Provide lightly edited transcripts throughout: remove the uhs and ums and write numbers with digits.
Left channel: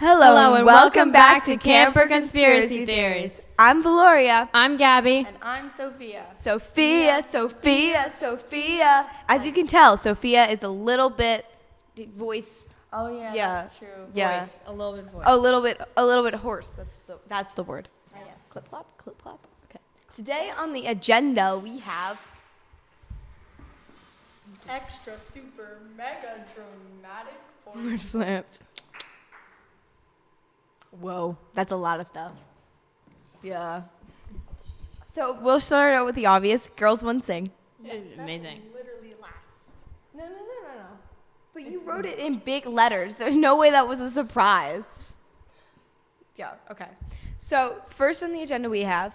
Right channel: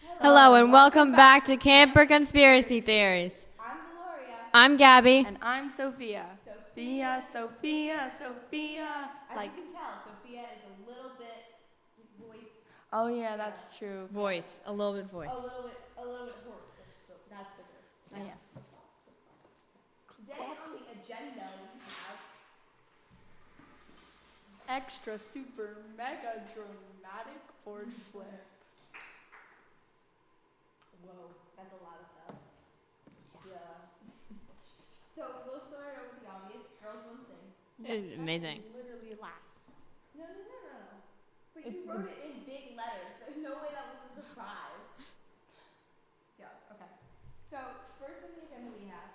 Hello and welcome back to Camper Conspiracy Theories. I'm Veloria. And I'm Sofia. Sophia. As you can tell, Sophia is a little bit voice. Oh yeah, that's true. Yeah. A little bit hoarse. That's the word. Ah yes. Clip clop. Okay. Today on the agenda we have Extra super mega dramatic word flips. Whoa, that's a lot of stuff. Yeah. So we'll start out with the obvious. Girls one sing. Yeah, that's literally last. No. But you wrote it in big letters. There's no way that was a surprise. Yeah, okay. So first on the agenda we have,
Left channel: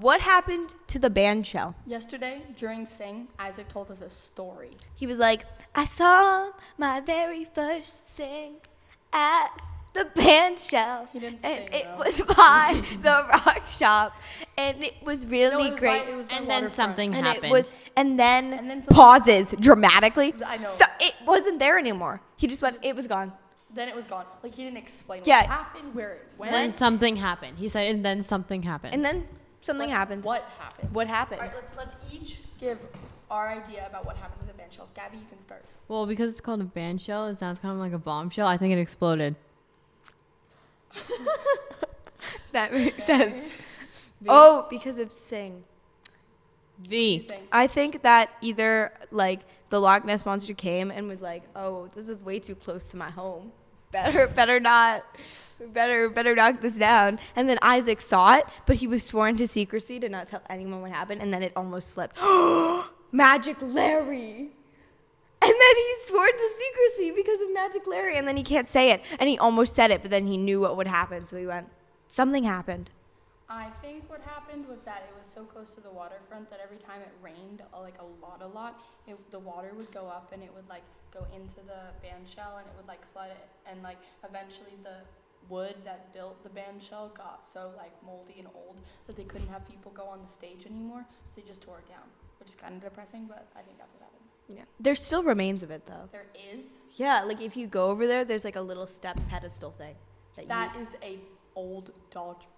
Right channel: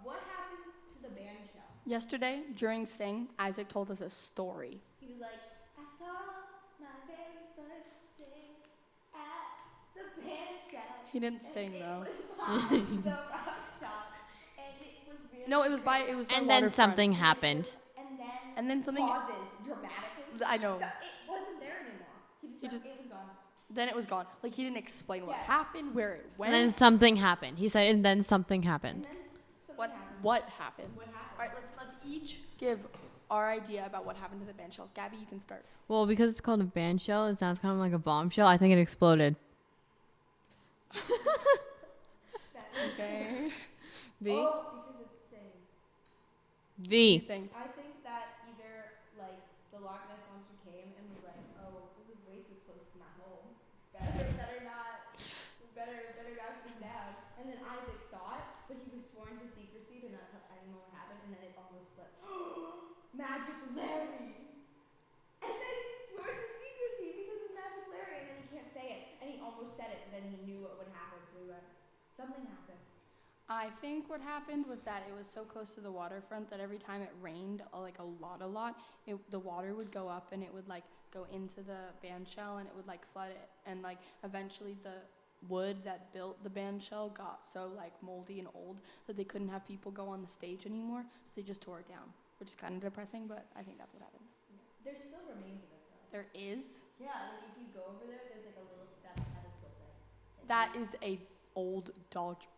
what happened to the band shell? Yesterday during Sing, Isaac told us a story. He was like, I saw my very first Sing at the band shell. He didn't and sing, it though. was by the rock shop, and it was really No, it was great. it was by Waterfront. And it was, and then something- pauses dramatically. I know. So it wasn't there anymore. He just went, it was gone. Then it was gone. Like he didn't explain Yeah. what happened, where it went. And then something happened. What happened? What happened? All right, let's each give our idea about what happened to the band shell. Gabby, you can start. That makes Okay. sense. Oh, because of Sing. What do you think? I think that either like the Loch Ness monster came and was like, "Oh, this is way too close to my home. Better knock this down." And then Isaac saw it, but he was sworn to secrecy to not tell anyone what happened. And then it almost slipped. Magic Larry. And then he's sworn to secrecy because of Magic Larry, and then he can't say it. And he almost said it, but then he knew what would happen, so he went. Something happened. I think what happened was that it was so close to the waterfront that every time it rained, like a lot, the water would go up and it would like go into the band shell and it would like flood it. And like eventually the wood that built the band shell got so like moldy and old that they couldn't have people go on the stage anymore. So they just tore it down, which is kind of depressing, but I think that's what happened. Yeah. There's still remains of it, though. There is. Yeah, like if you go over there, there's like a little step pedestal thing. That is a old dodge.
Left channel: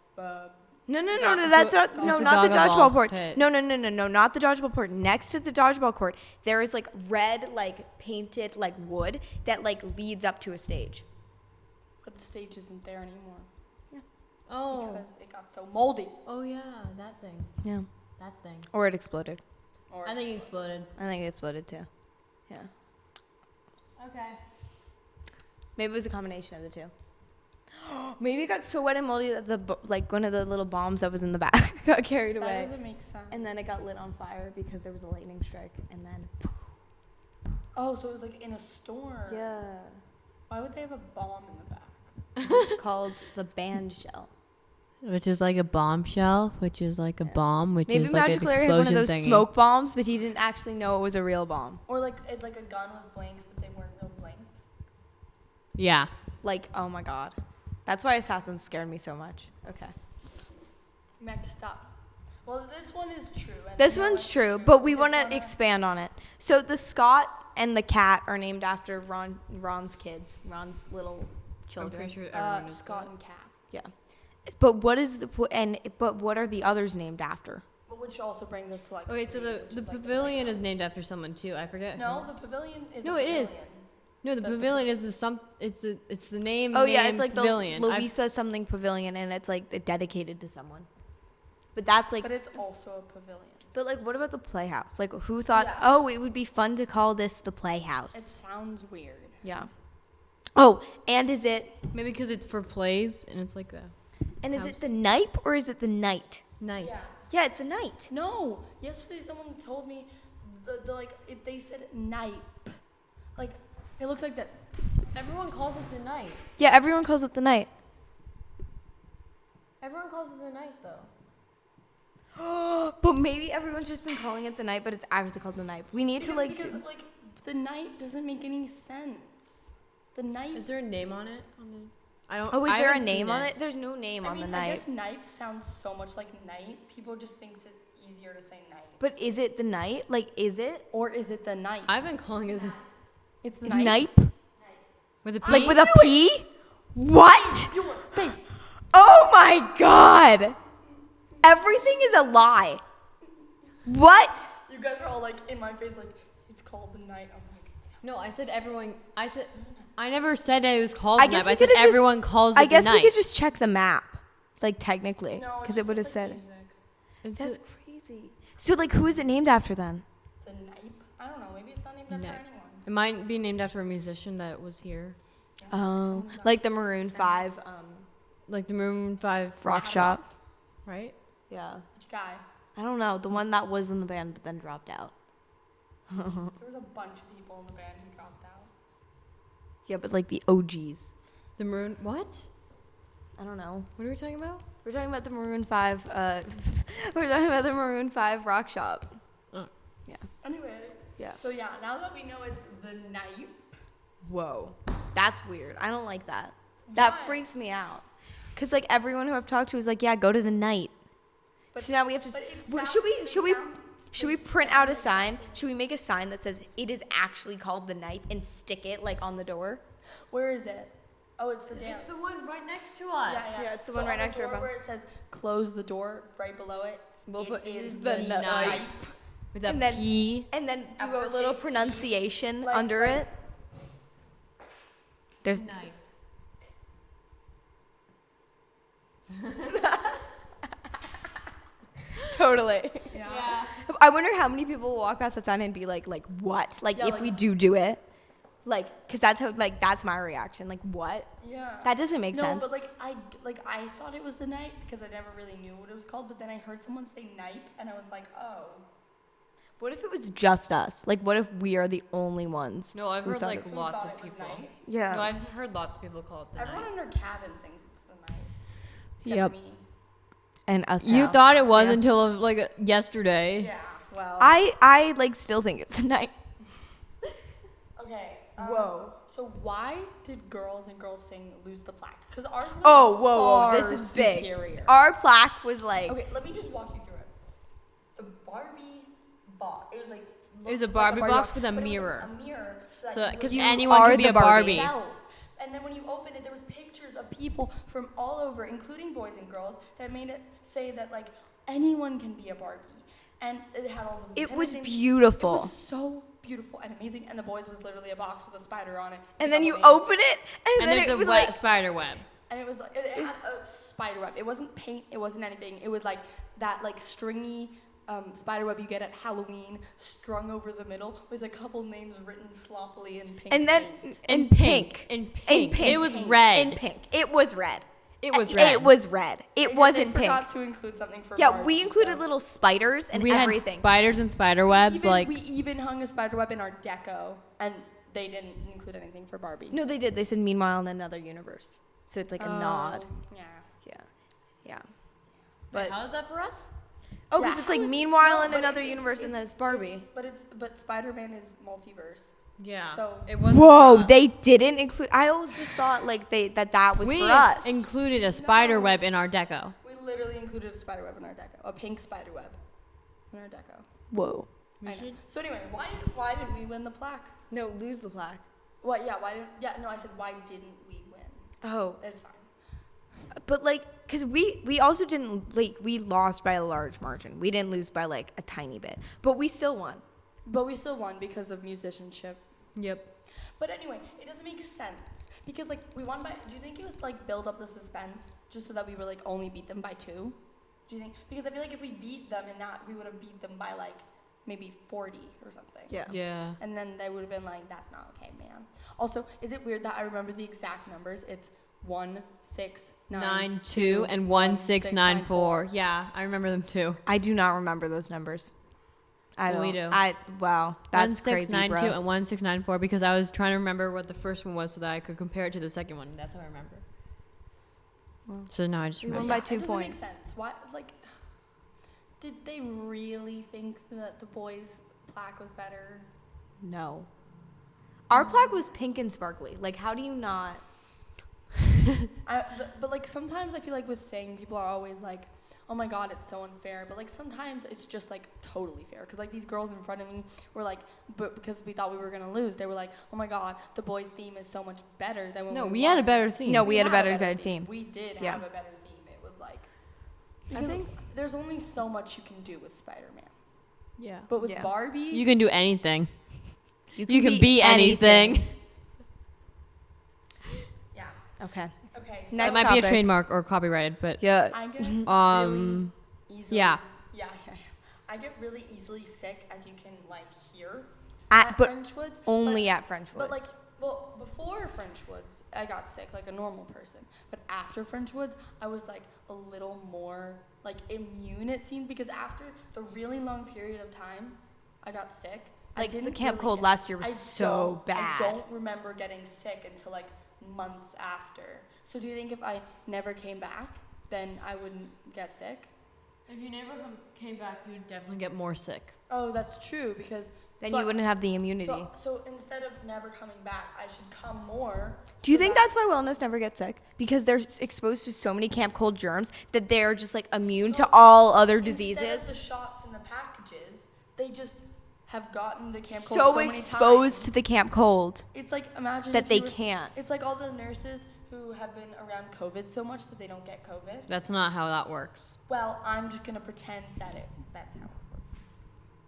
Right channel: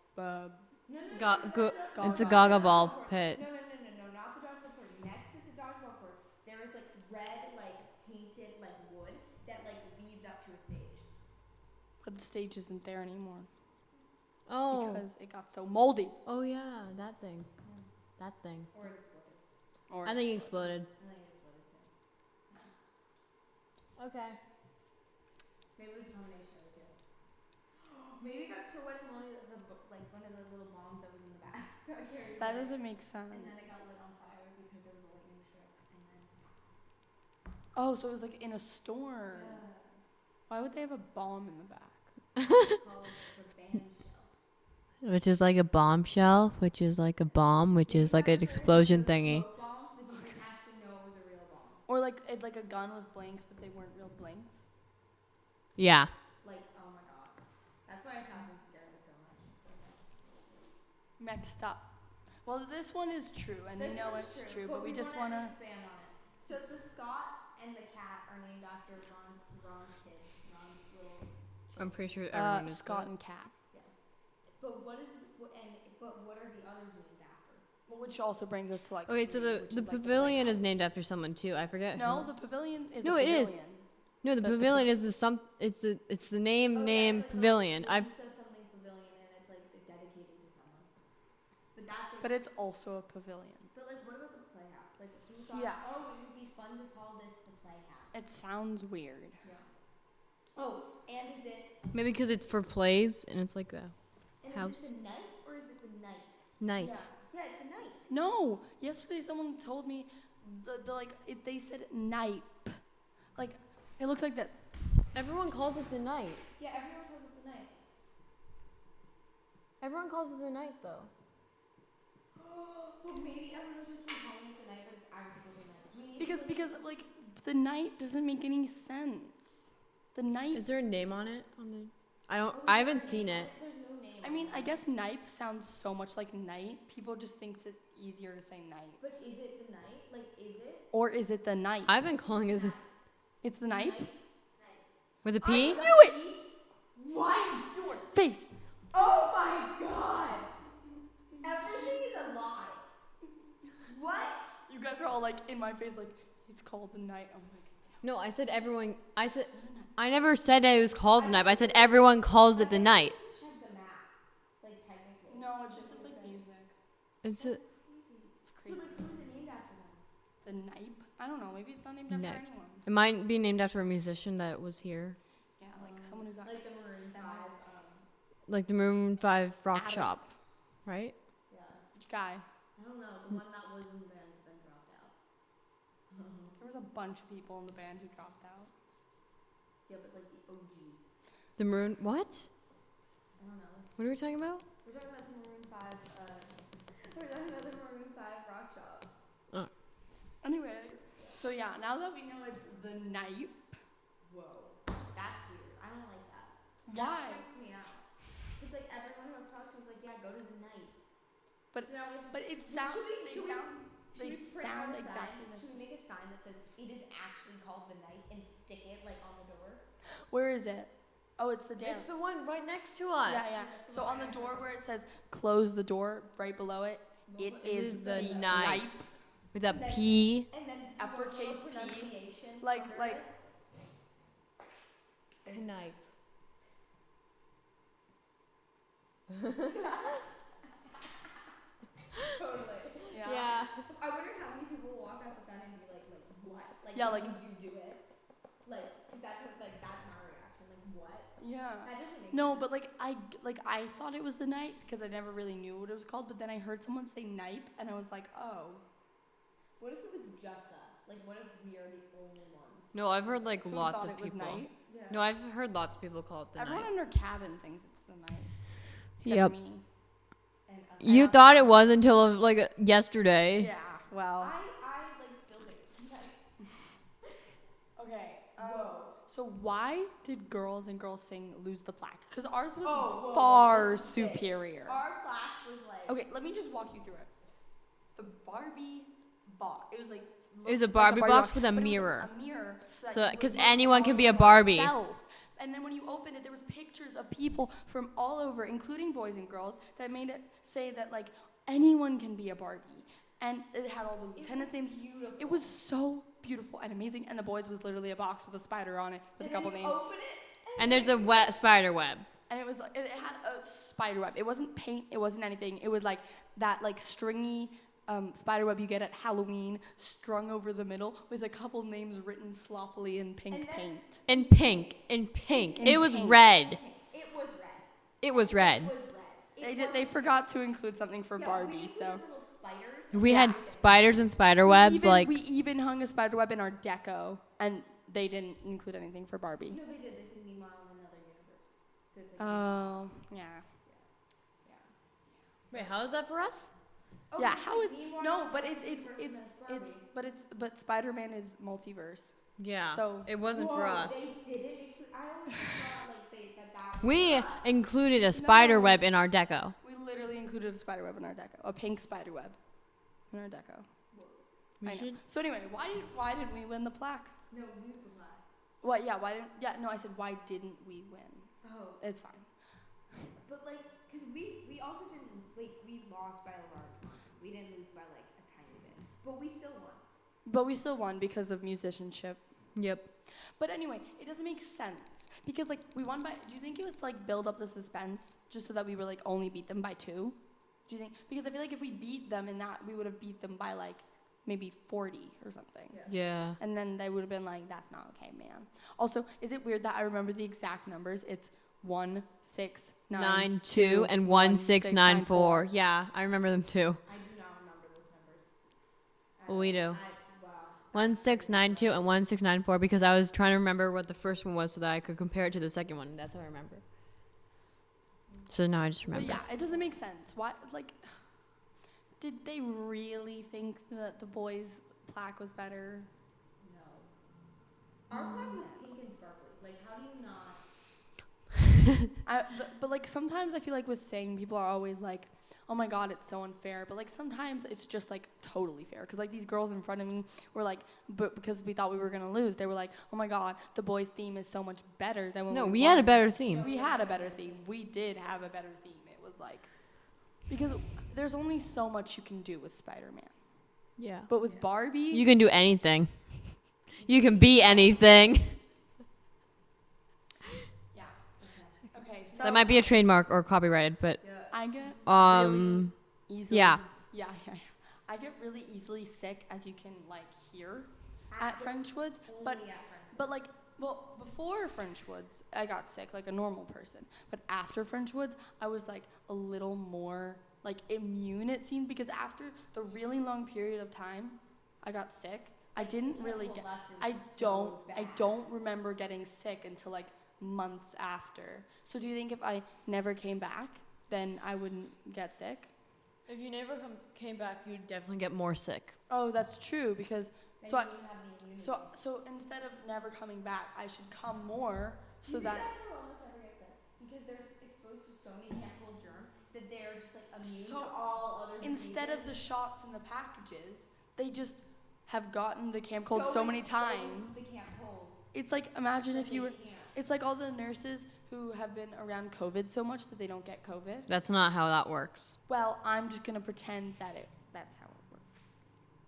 No, that's not. No, not the dodgeball court. No, not the dodgeball court. Next to the dodgeball court, there is like red, like painted, like wood that like leads up to a stage. But the stage isn't there anymore. Yeah. Oh. Because it got so moldy. Oh yeah, that thing. Yeah. That thing. Or it exploded. Or I think it exploded. I think it exploded too. Yeah. Okay. Maybe it was a combination of the two. Maybe it got so wet and moldy that like one of the little bombs that was in the back got carried away. That doesn't make sense. And then it got lit on fire because there was a lightning strike, and then. Oh, so it was like in a storm. Yeah. Why would they have a bomb in the back? It's called the band shell. Yeah. Maybe Magic Larry had one of those smoke bombs, but he didn't actually know it was a real bomb. Or like a gun with blanks, but they weren't real blanks. Yeah. Like, oh my god. That's why Assassins scared me so much. Okay. Next up. Well, this one is true. And This we know one's it's true, but we just want to wanna- expand on it. So the Scott and the cat are named after Ron's kids, Ron's little children. Scott and Kat. Yeah. But what are the others named after? Well, which also brings us to like 3, which is like the playhouse. Is named after someone too. I forget. No, the pavilion is a pavilion. No, The pavilion is some. It's named. Oh yeah, it's like the Louisa something pavilion, and it's like dedicated to someone. But that's like. But it's also a pavilion. But like, what about the playhouse? Like, who thought? Yeah. Oh, it would be fun to call this the playhouse. It sounds weird. Yeah. Oh, and is it? Maybe because it's for play. And is it the night or is it the night? Nice. Yeah. Yeah, it's the night. No, yesterday someone told me, they said nipe. Like, it looks like this. Everyone calls it the night. Yeah, everyone calls it the night. Everyone calls it the night though. But maybe everyone's just been calling it the night, but it's actually called the night. We need to like. Because like the night doesn't make any sense. The night. Is there a name on it? Oh, is there a name on it? There's no name I on mean, the night. I guess nipe sounds so much like night. People just thinks it's easier to say night. But is it the night? Like, is it? Or is it the night? I've been calling it that. It's the night. Nipe? Like with a P? What? Your face. Oh my god. Everything is a lie. What? You guys are all like in my face, like it's called the night. I'm like, No, I said everyone. I never said that. I guess we could just check the map. Like technically. no, Because it would have said. music. That's crazy. So like who is it named after then? The night. I don't know. Maybe it's not named after anyone. Oh, like the Maroon 5 rock Adam. shop. Yeah. Which guy? I don't know. The one that was in the band but then dropped out. There was a bunch of people in the band who dropped out. Yeah, but like the OGs. I don't know. We're talking about the Maroon 5. We're talking about the Maroon 5 rock shop. Yeah. Anyway. Yeah. So yeah, now that we know it's the night. Whoa. That's weird. I don't like that. That Why? freaks me out. Cause like everyone who I've talked to is like, yeah, go to the night. But So now we have to. But it Well, sound- they should we they print sound out a sign? exactly Should we make a sign that says it is actually called the night and stick it like on the door? Where is it? Oh, it's the dance. It's the one right next to us. Yeah, yeah. Yeah, it's the so one right on next to the our door phone. where it says close the door, right below it, We'll it put is the the night. night. And then do a Uppercase little E, pronunciation like- under like- it. There's totally. Yeah. I wonder how many people will walk past that sign and be like what? Like Yeah, if like- we do it, like, cause that's how like that's my reaction. Like what? Yeah. That doesn't make no, sense. but I thought it was the night because I never really knew what it was called. But then I heard someone say night, and I was like, oh. What if it was just us? Like, what if we are the only ones who thought it? Who thought it was night? Yeah. Everyone in their cabin thinks it's the night, except for me. And us And now. us Yeah. Yesterday. Yeah. Well. I like still think it's the night. Okay. Whoa. So why did Girls and Girls Sing lose the plaque? Because ours was Whoa. far This is big. superior. Our plaque was like. Okay, let me just walk you through it. The Barbie box. It was like looked like a Barbie box, but it was a mirror so that you would You look and are see the Barbie. yourself. And then when you opened it, there was pictures of people from all over, including boys and girls, that made it say that like anyone can be a Barbie. And it had all the It lieutenant was names. beautiful. It was so beautiful and amazing. And the boys was literally a box with a spider on it. with And a then you couple names. open it, and then it was like. And it was like, it had a spider web. It wasn't paint. It wasn't anything. It was like that like stringy spider web you get at Halloween, strung over the middle with a couple names written sloppily in pink And then paint. in pink. In pink. pink. In pink. It was red. It was red. It wasn't They pink. forgot to include something for Yeah, Barbie, we included so. little spiders and Yeah. everything. We even hung a spider web in our deco, and they didn't include anything for Barbie. No, they did. They said meanwhile in another universe. So it's like a nod. Yeah. Yeah. But How is that for us? oh, Yeah, because it's how like is- meanwhile no, in but another it's- universe and then it's Barbie. But Spider-Man is multiverse. Yeah. So Whoa, they didn't include. I always just thought like that was for us. no, we literally included a spider web in our deco, a pink spider web in our deco. Whoa. I know. So anyway, why didn't we win the plaque? No, lose the plaque. What? Yeah. Why didn't? Yeah. No, I said why didn't we win? Oh, It's fine. but like, cause we also didn't like we lost by a large margin. We didn't lose by like a tiny bit, but we still won. But we still won because of musicianship. But anyway, it doesn't make sense because like we won by. Do you think it was to, like build up the suspense just so that we were like only beat them by 2? Do you think? Because I feel like if we beat them in that, we would have beat them by like maybe 40 or something. Yeah. And then they would have been like, "That's not okay, man." Also, is it weird that I remember the exact numbers? It's 1 6 9 2 1 6 9 4. Yeah, I remember them too. I do not remember those numbers. I don't. Wow, that's crazy, bro. We But won yeah, by 2 it points. doesn't make sense. Why? Like, did they really think that the boys' plaque was better? No. Our plaque was pink and sparkly. Like, how do you not? But like sometimes I feel like with Sing, people are always like, oh my God, it's so unfair. But like sometimes it's just like totally fair. Because like these girls in front of me were like, but because we thought we were going to lose, they were like, oh my God, the boys' theme is so much better than when we won. No, we had a better theme. We did Yeah. have a better theme. It was like, because there's only so much you can do with Spider-Man. Yeah. But with Barbie, You can be anything. yeah. Okay. Okay, so Next topic. Yeah. I get really easily, I get really easily sick, as you can like hear at but Frenchwoods. only at Frenchwoods. But like, well, before Frenchwoods, I got sick like a normal person. But after Frenchwoods, I was like a little more like immune, it seemed, because after the really long period of time I got sick, I Like, didn't the camp really cold last year was so bad. I don't remember getting sick until like months after. So do you think if I never came back, then I wouldn't get sick? If you never came back, you would definitely get more sick. Oh, that's true, because then so you wouldn't have the immunity. So instead of never coming back, I should come more. Do you so think that- that's why wellness never gets sick? Because they're exposed to so many camp cold germs that they're just like immune So to all other diseases. Instead of the shots in the packages, they just have gotten the camp cold so so many exposed times. to the camp cold It's like, imagine that if they you were, can't. It's like all the nurses who have been around COVID so much that they don't get COVID. That's not how that works. Well, I'm just gonna pretend that's how it works.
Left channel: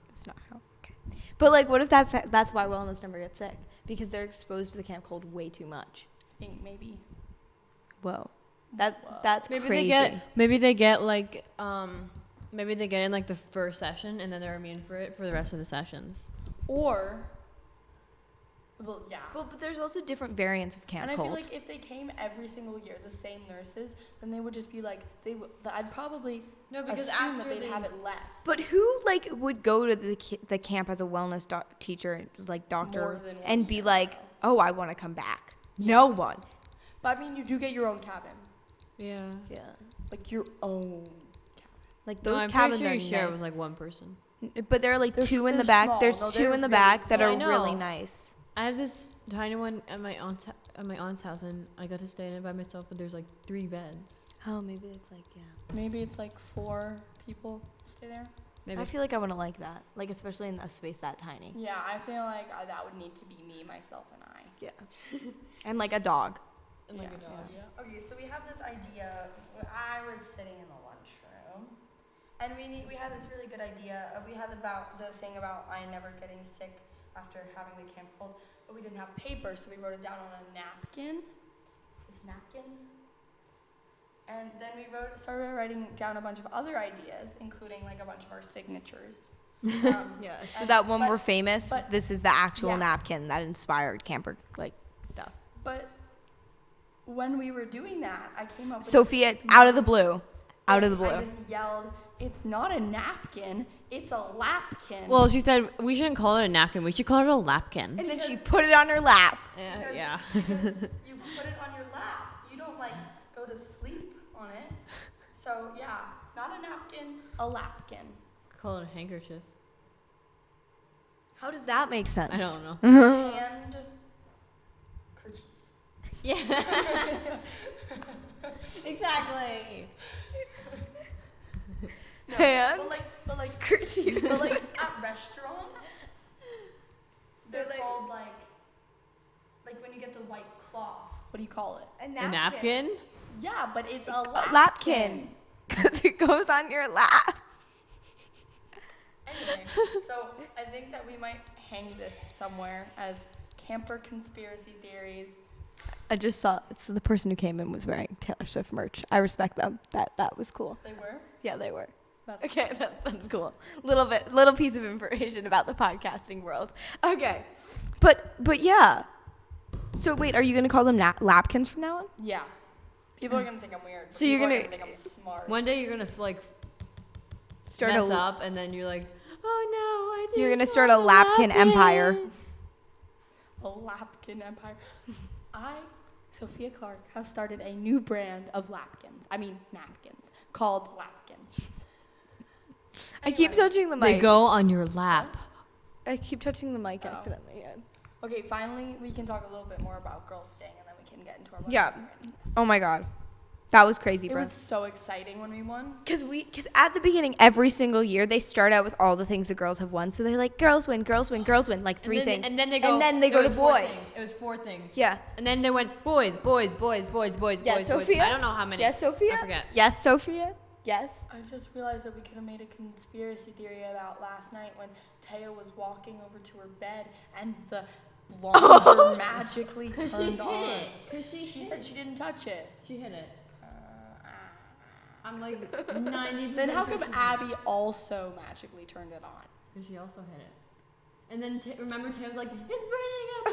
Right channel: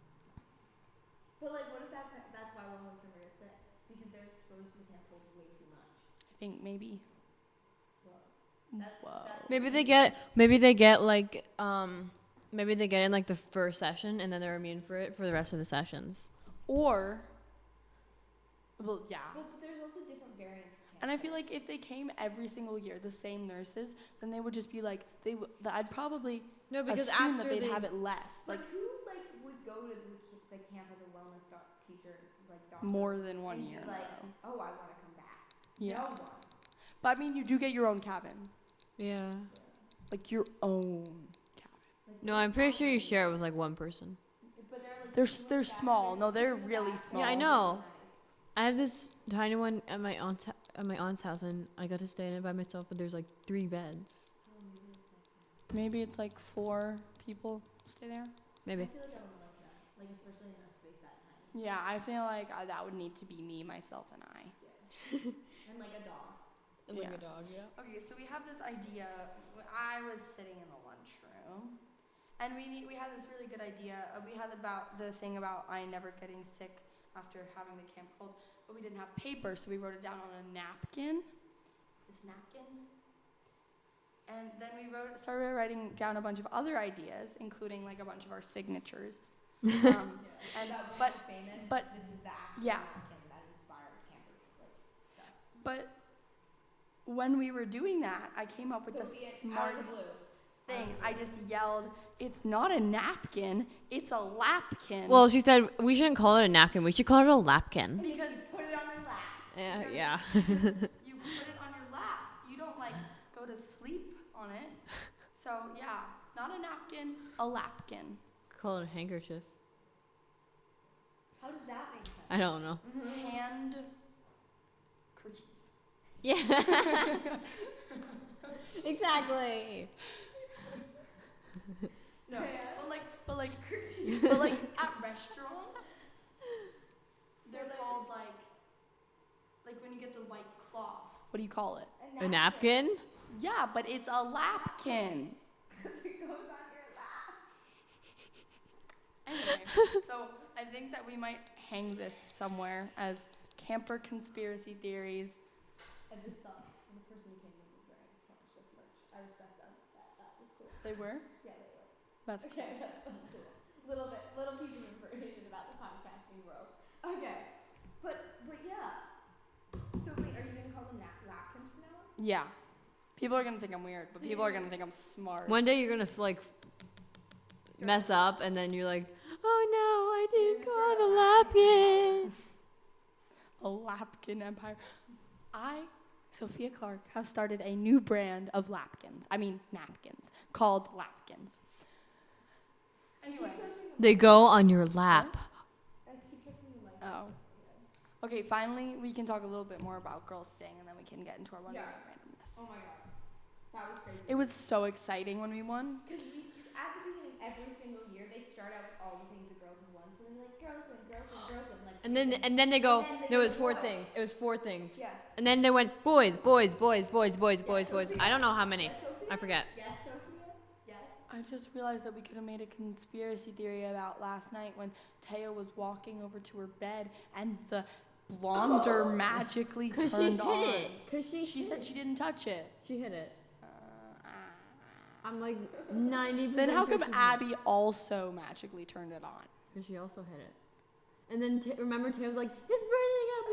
That's not how. Okay. But like, what if that's why wellness never gets sick? Because they're exposed to the camp cold way too much. I think maybe. Whoa. Whoa. That's crazy. Maybe they get it like the first session and then they're immune for it for the rest of the sessions. Or, well, yeah. But there's also different variants of camp And I cold. feel like if they came every single year, the same nurses, then they would just be like, I'd probably assume that they'd have it less. But who like would go to the camp as a wellness teacher, like doctor, More than one and be year, like, though. oh, I want to come back? Yeah. No one. But I mean, you do get your own cabin. Yeah. Like your own cabin. Like those cabins are nice. But there are like They're two in they're the back. small. There's No, two they're in the really back that are small. really nice. I just had one at my aunt's house and I got to stay there by myself and there's like 3 beds. Oh, maybe it's like, yeah. Maybe it's like 4 people stay there. I feel like I want to like that. Like, especially in a space that tiny. Yeah, I feel like that would need to be me, myself, and I. Yeah. And like a dog. Yeah. Yeah. Okay, so we have this idea. I was sitting in the lunchroom, and we had this really good idea. We had about the thing about I never getting sick after having the camp cold, but we didn't have paper, so we wrote it down on a napkin. This napkin. And then we started writing down a bunch of other ideas, including like a bunch of our signatures. Yeah. So and- that when but- we're famous, but- this is the actual yeah. napkin that inspired camper like stuff. But when we were doing that, I came up with Sofia, a out of the smart blue. Out of the blue. I just yelled, "It's not a napkin, it's a lapkin." We didn't call it a napkin. We called it a lapkin. And then she put it on her lap. Because you put it on your lap. You don't like go to sleep on it. So yeah, not a napkin, a lapkin. Call it a handkerchief. How does that make sense? And kerchief. Exactly. And But like kerchief. But like at restaurants, they're like- called like when you get the white cloth. What do you call it? A napkin. Yeah, but it's a lapkin. lapkin. Because it goes on your lap. Anyway, so I think that we might hang this somewhere as camper conspiracy theories. I just saw so the person who came in was wearing Taylor Swift merch. I respect them. That was cool. They were? Yeah, they were. That's Okay, that's cool. Little piece of information about the podcasting world. Okay, but yeah. So wait, are you gonna call them lapkins from now on? Yeah. People are gonna think I'm weird. But So you're people are gonna- gonna think I'm smart. One day you're gonna like Start mess a. up and then you're like, oh no. You're gonna start a lapkin empire. A lapkin empire. I, Sophia Clark, have started a new brand of napkins called Lapkins. I keep touching the mic. What? I keep touching the mic Oh. accidentally. Yeah. Okay, finally we can talk a little bit more about girls staying, and then we can get into our Yeah. randomness. Oh my god. That was crazy, It bro. was so exciting when we won. Because at the beginning, every single year, they start out with all the things the girls have won. So they're like, girls win, like 3 things. And then they go to boys. It was 4 things. Yeah. And then they went boys. Yes, Sophia? Yes, Sophia? Yes, Sophia? Yes. I just realized that we could have made a conspiracy theory about last night when Taya was walking over to her bed and the blonder magically turned on. She said she didn't touch it. She hit it. I'm like 90. Then how come Abby also magically turned it on? She also hit it. And then remember Tay was like, it's burning up.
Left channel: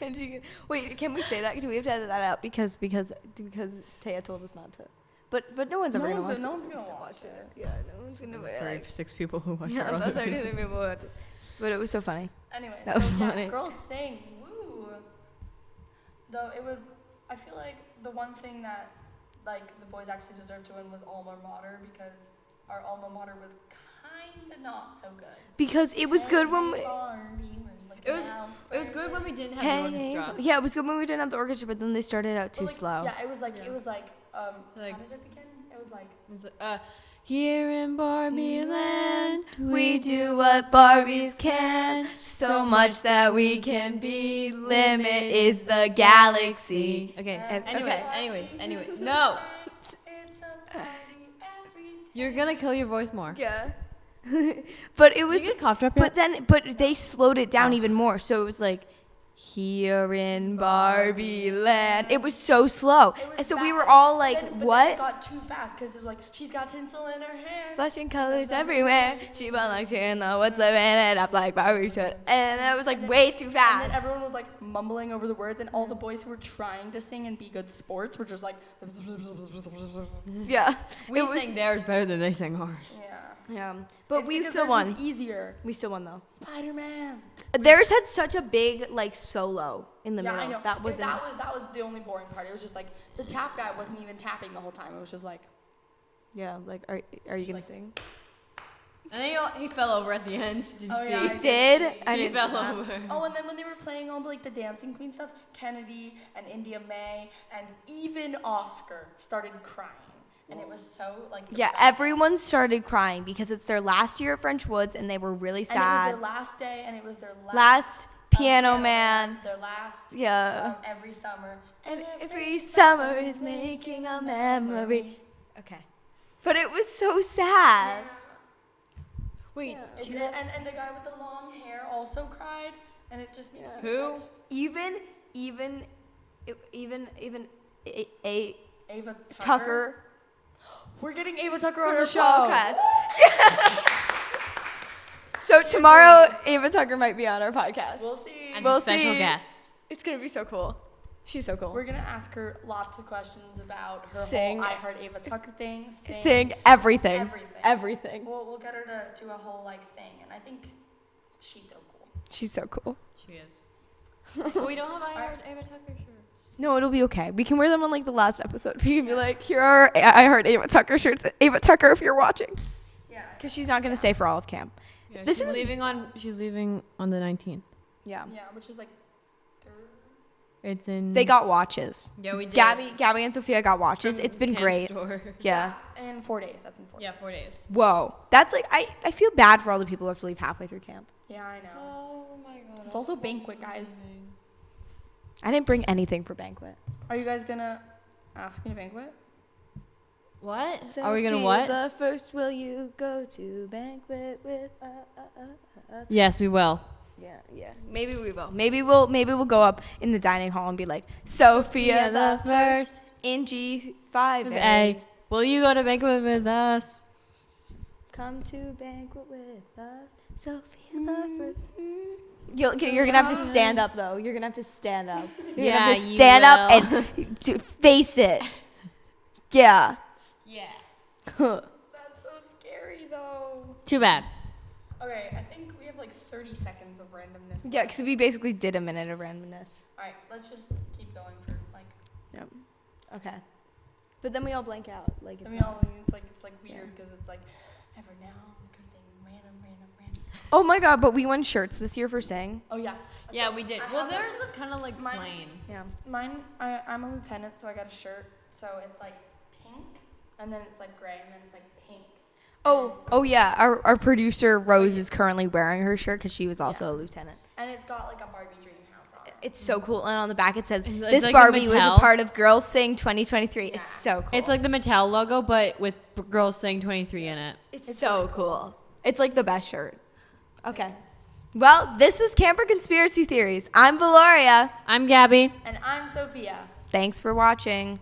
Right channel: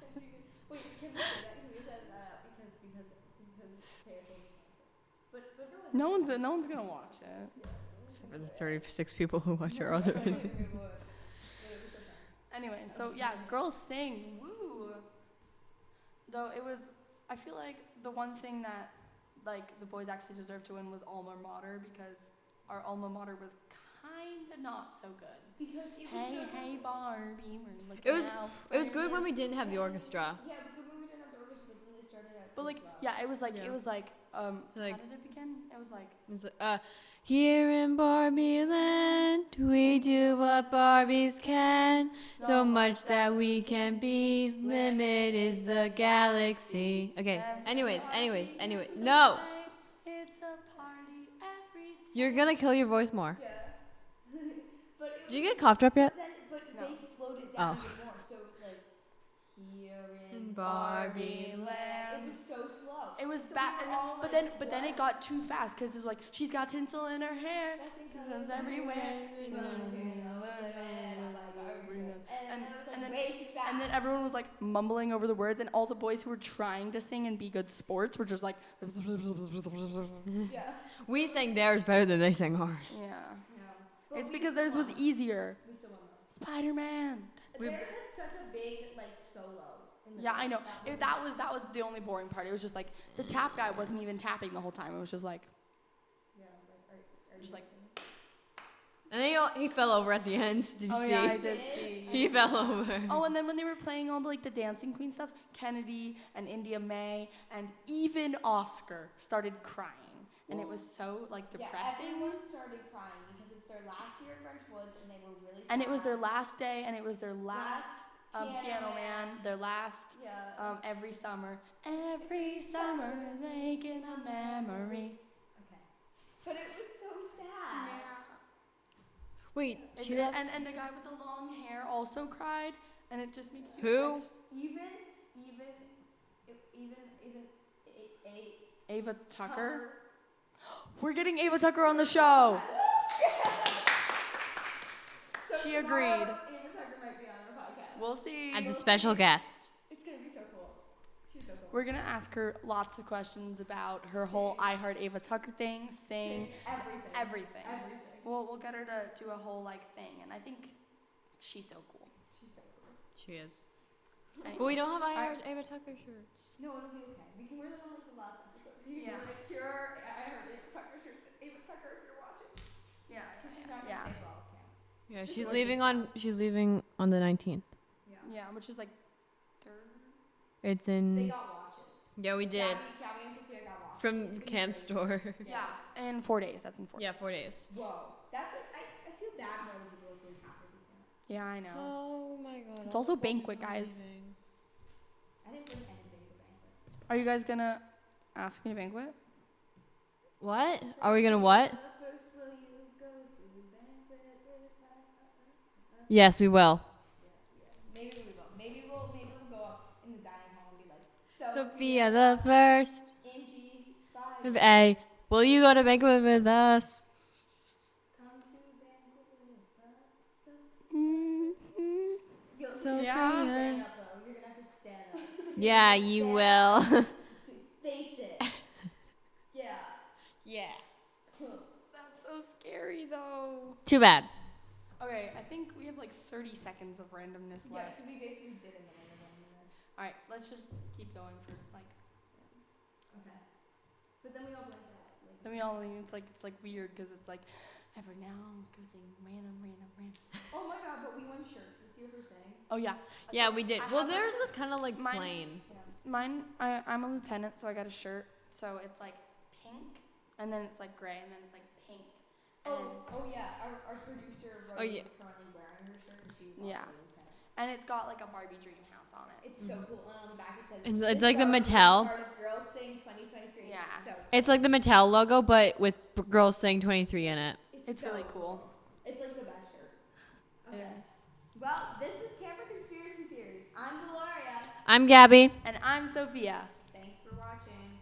And wait, can we say that? Do we have to edit that out? Because Taya told us not to. But no one's ever gonna watch it. No one's gonna watch it. Yeah, no one's gonna be like, yeah, I'm not 30 people watch it. But it was so funny. Anyway, That was so yeah, funny. girls sing, woo. Though it was, I feel like the one thing that, like, the boys actually deserved to win was alma mater because our alma mater was kind of not so good. Because it was good when we. Barbie, we're looking out for It was good when you. we didn't have Hey, orchestra. yeah, it was good when we didn't have the orchestra, but then they started out too But, like, slow. Yeah, it was like, how did it begin? It was like, Land, we do what Barbies can, so much that we can be. Limit is the galaxy. Okay. Anyways, no. it's a party every You're day. gonna kill your voice more. Yeah. but they slowed it down even more. So it was like, here in Barbie land. It was so slow. It was And so we fa- were and all then- like, but then what? it got too fast because it was like, she's got tinsel in her hair. Flashing colors everywhere. She belongs here in the woods, living it up like Barbie should. And that was like way too fast. And then everyone was like mumbling over the words, and all the boys who were trying to sing and be good sports were just like, Yeah. It was. yeah. Yeah. But It's we because still theirs won. was easier. We still won though. Spider-Man. Theirs had such a big like solo in the Yeah, middle. I know. That was that was the only boring part. It was just like the tap guy wasn't even tapping the whole time. It was just like, Yeah. Like, are you gonna like- sing? And then he fell over at the end. oh yeah, He I did. see. I didn't see that. Oh, and then when they were playing all the, like the dancing queen stuff, Kennedy and India May and even Oscar started crying, and it was so like Yeah, depressing. everyone started crying because it's their last year at French Woods and they were really sad. And it was their last day, and it was their last piano man. their last Yeah. every summer. And every summer is making a memory. Okay. But it was so sad. And the guy with the long hair also cried, and it just makes you extra. Even Ava Tucker. We're getting Ava Tucker on her the show. podcast. So She tomorrow, agreed. Ava Tucker might be on our podcast. We'll see. We'll see. It's gonna be so cool. She's so cool. We're gonna ask her lots of questions about her Sing. whole I Heart Ava Tucker thing. Sing everything. Everything. Everything. We'll get her to do a whole like thing, and I think she's so cool. She's so cool. We don't have All right. No, it'll be okay. We can wear them on like the last episode. We can be like, here are I Heart Ava Tucker shirts. Ava Tucker, if you're watching, Yeah. because she's not gonna stay for all of camp. This Which is is sad. yeah. Yeah, which is like third. They got watches. Yeah, we did. Gabby and Sofia got watches. It's been great. Yeah. In 4 days. That's in 4 days. 4 days. Whoa. That's like I feel bad for all the people who have to leave halfway through camp. Yeah, I know. It's also banquet, guys. I didn't bring anything for banquet. Are you guys gonna ask me to banquet? What? Sophia the first, will you go to banquet with us? Yeah. Maybe we will. Maybe we'll go up in the dining hall and be like, Sophia the first in G5A. Will you go to the Come to banquet with us, Sophia the first. You're gonna have to stand up though. You're gonna have to stand up. You're gonna have to stand up and face it. Yeah. Yeah. That's so scary, though. Yeah. Okay, I think we have like 30 seconds of randomness. Yeah, left. because we basically did a minute of randomness. All right, let's just keep going for like. Yep. Okay. But then we all blank out. Like I it's mean, it's like weird because it's like ever now gooding random. Oh my god, but we won shirts this year for Sing. Oh yeah. Yeah, we did. I have Theirs was kind of like mine. plain. Yeah. Mine, I'm a lieutenant, so I got a shirt. So it's like pink, and then it's like gray, and then it's like pink. Oh yeah. Our producer Rose is currently wearing her shirt because she was also Yeah. a lieutenant. And it's got like a Barbie dream house on it. It's so cool. And on the back it says, "This Barbie was a part of Girls Sing 2023." Yeah. It's so cool. It's like the Mattel logo, but with girls saying 23 on it. It's so really cool. cool. It's like the best shirt. Okay. Yes. Well, this was Camper Conspiracy Theories. I'm Veloria. And I'm Sofia. Thanks for watching.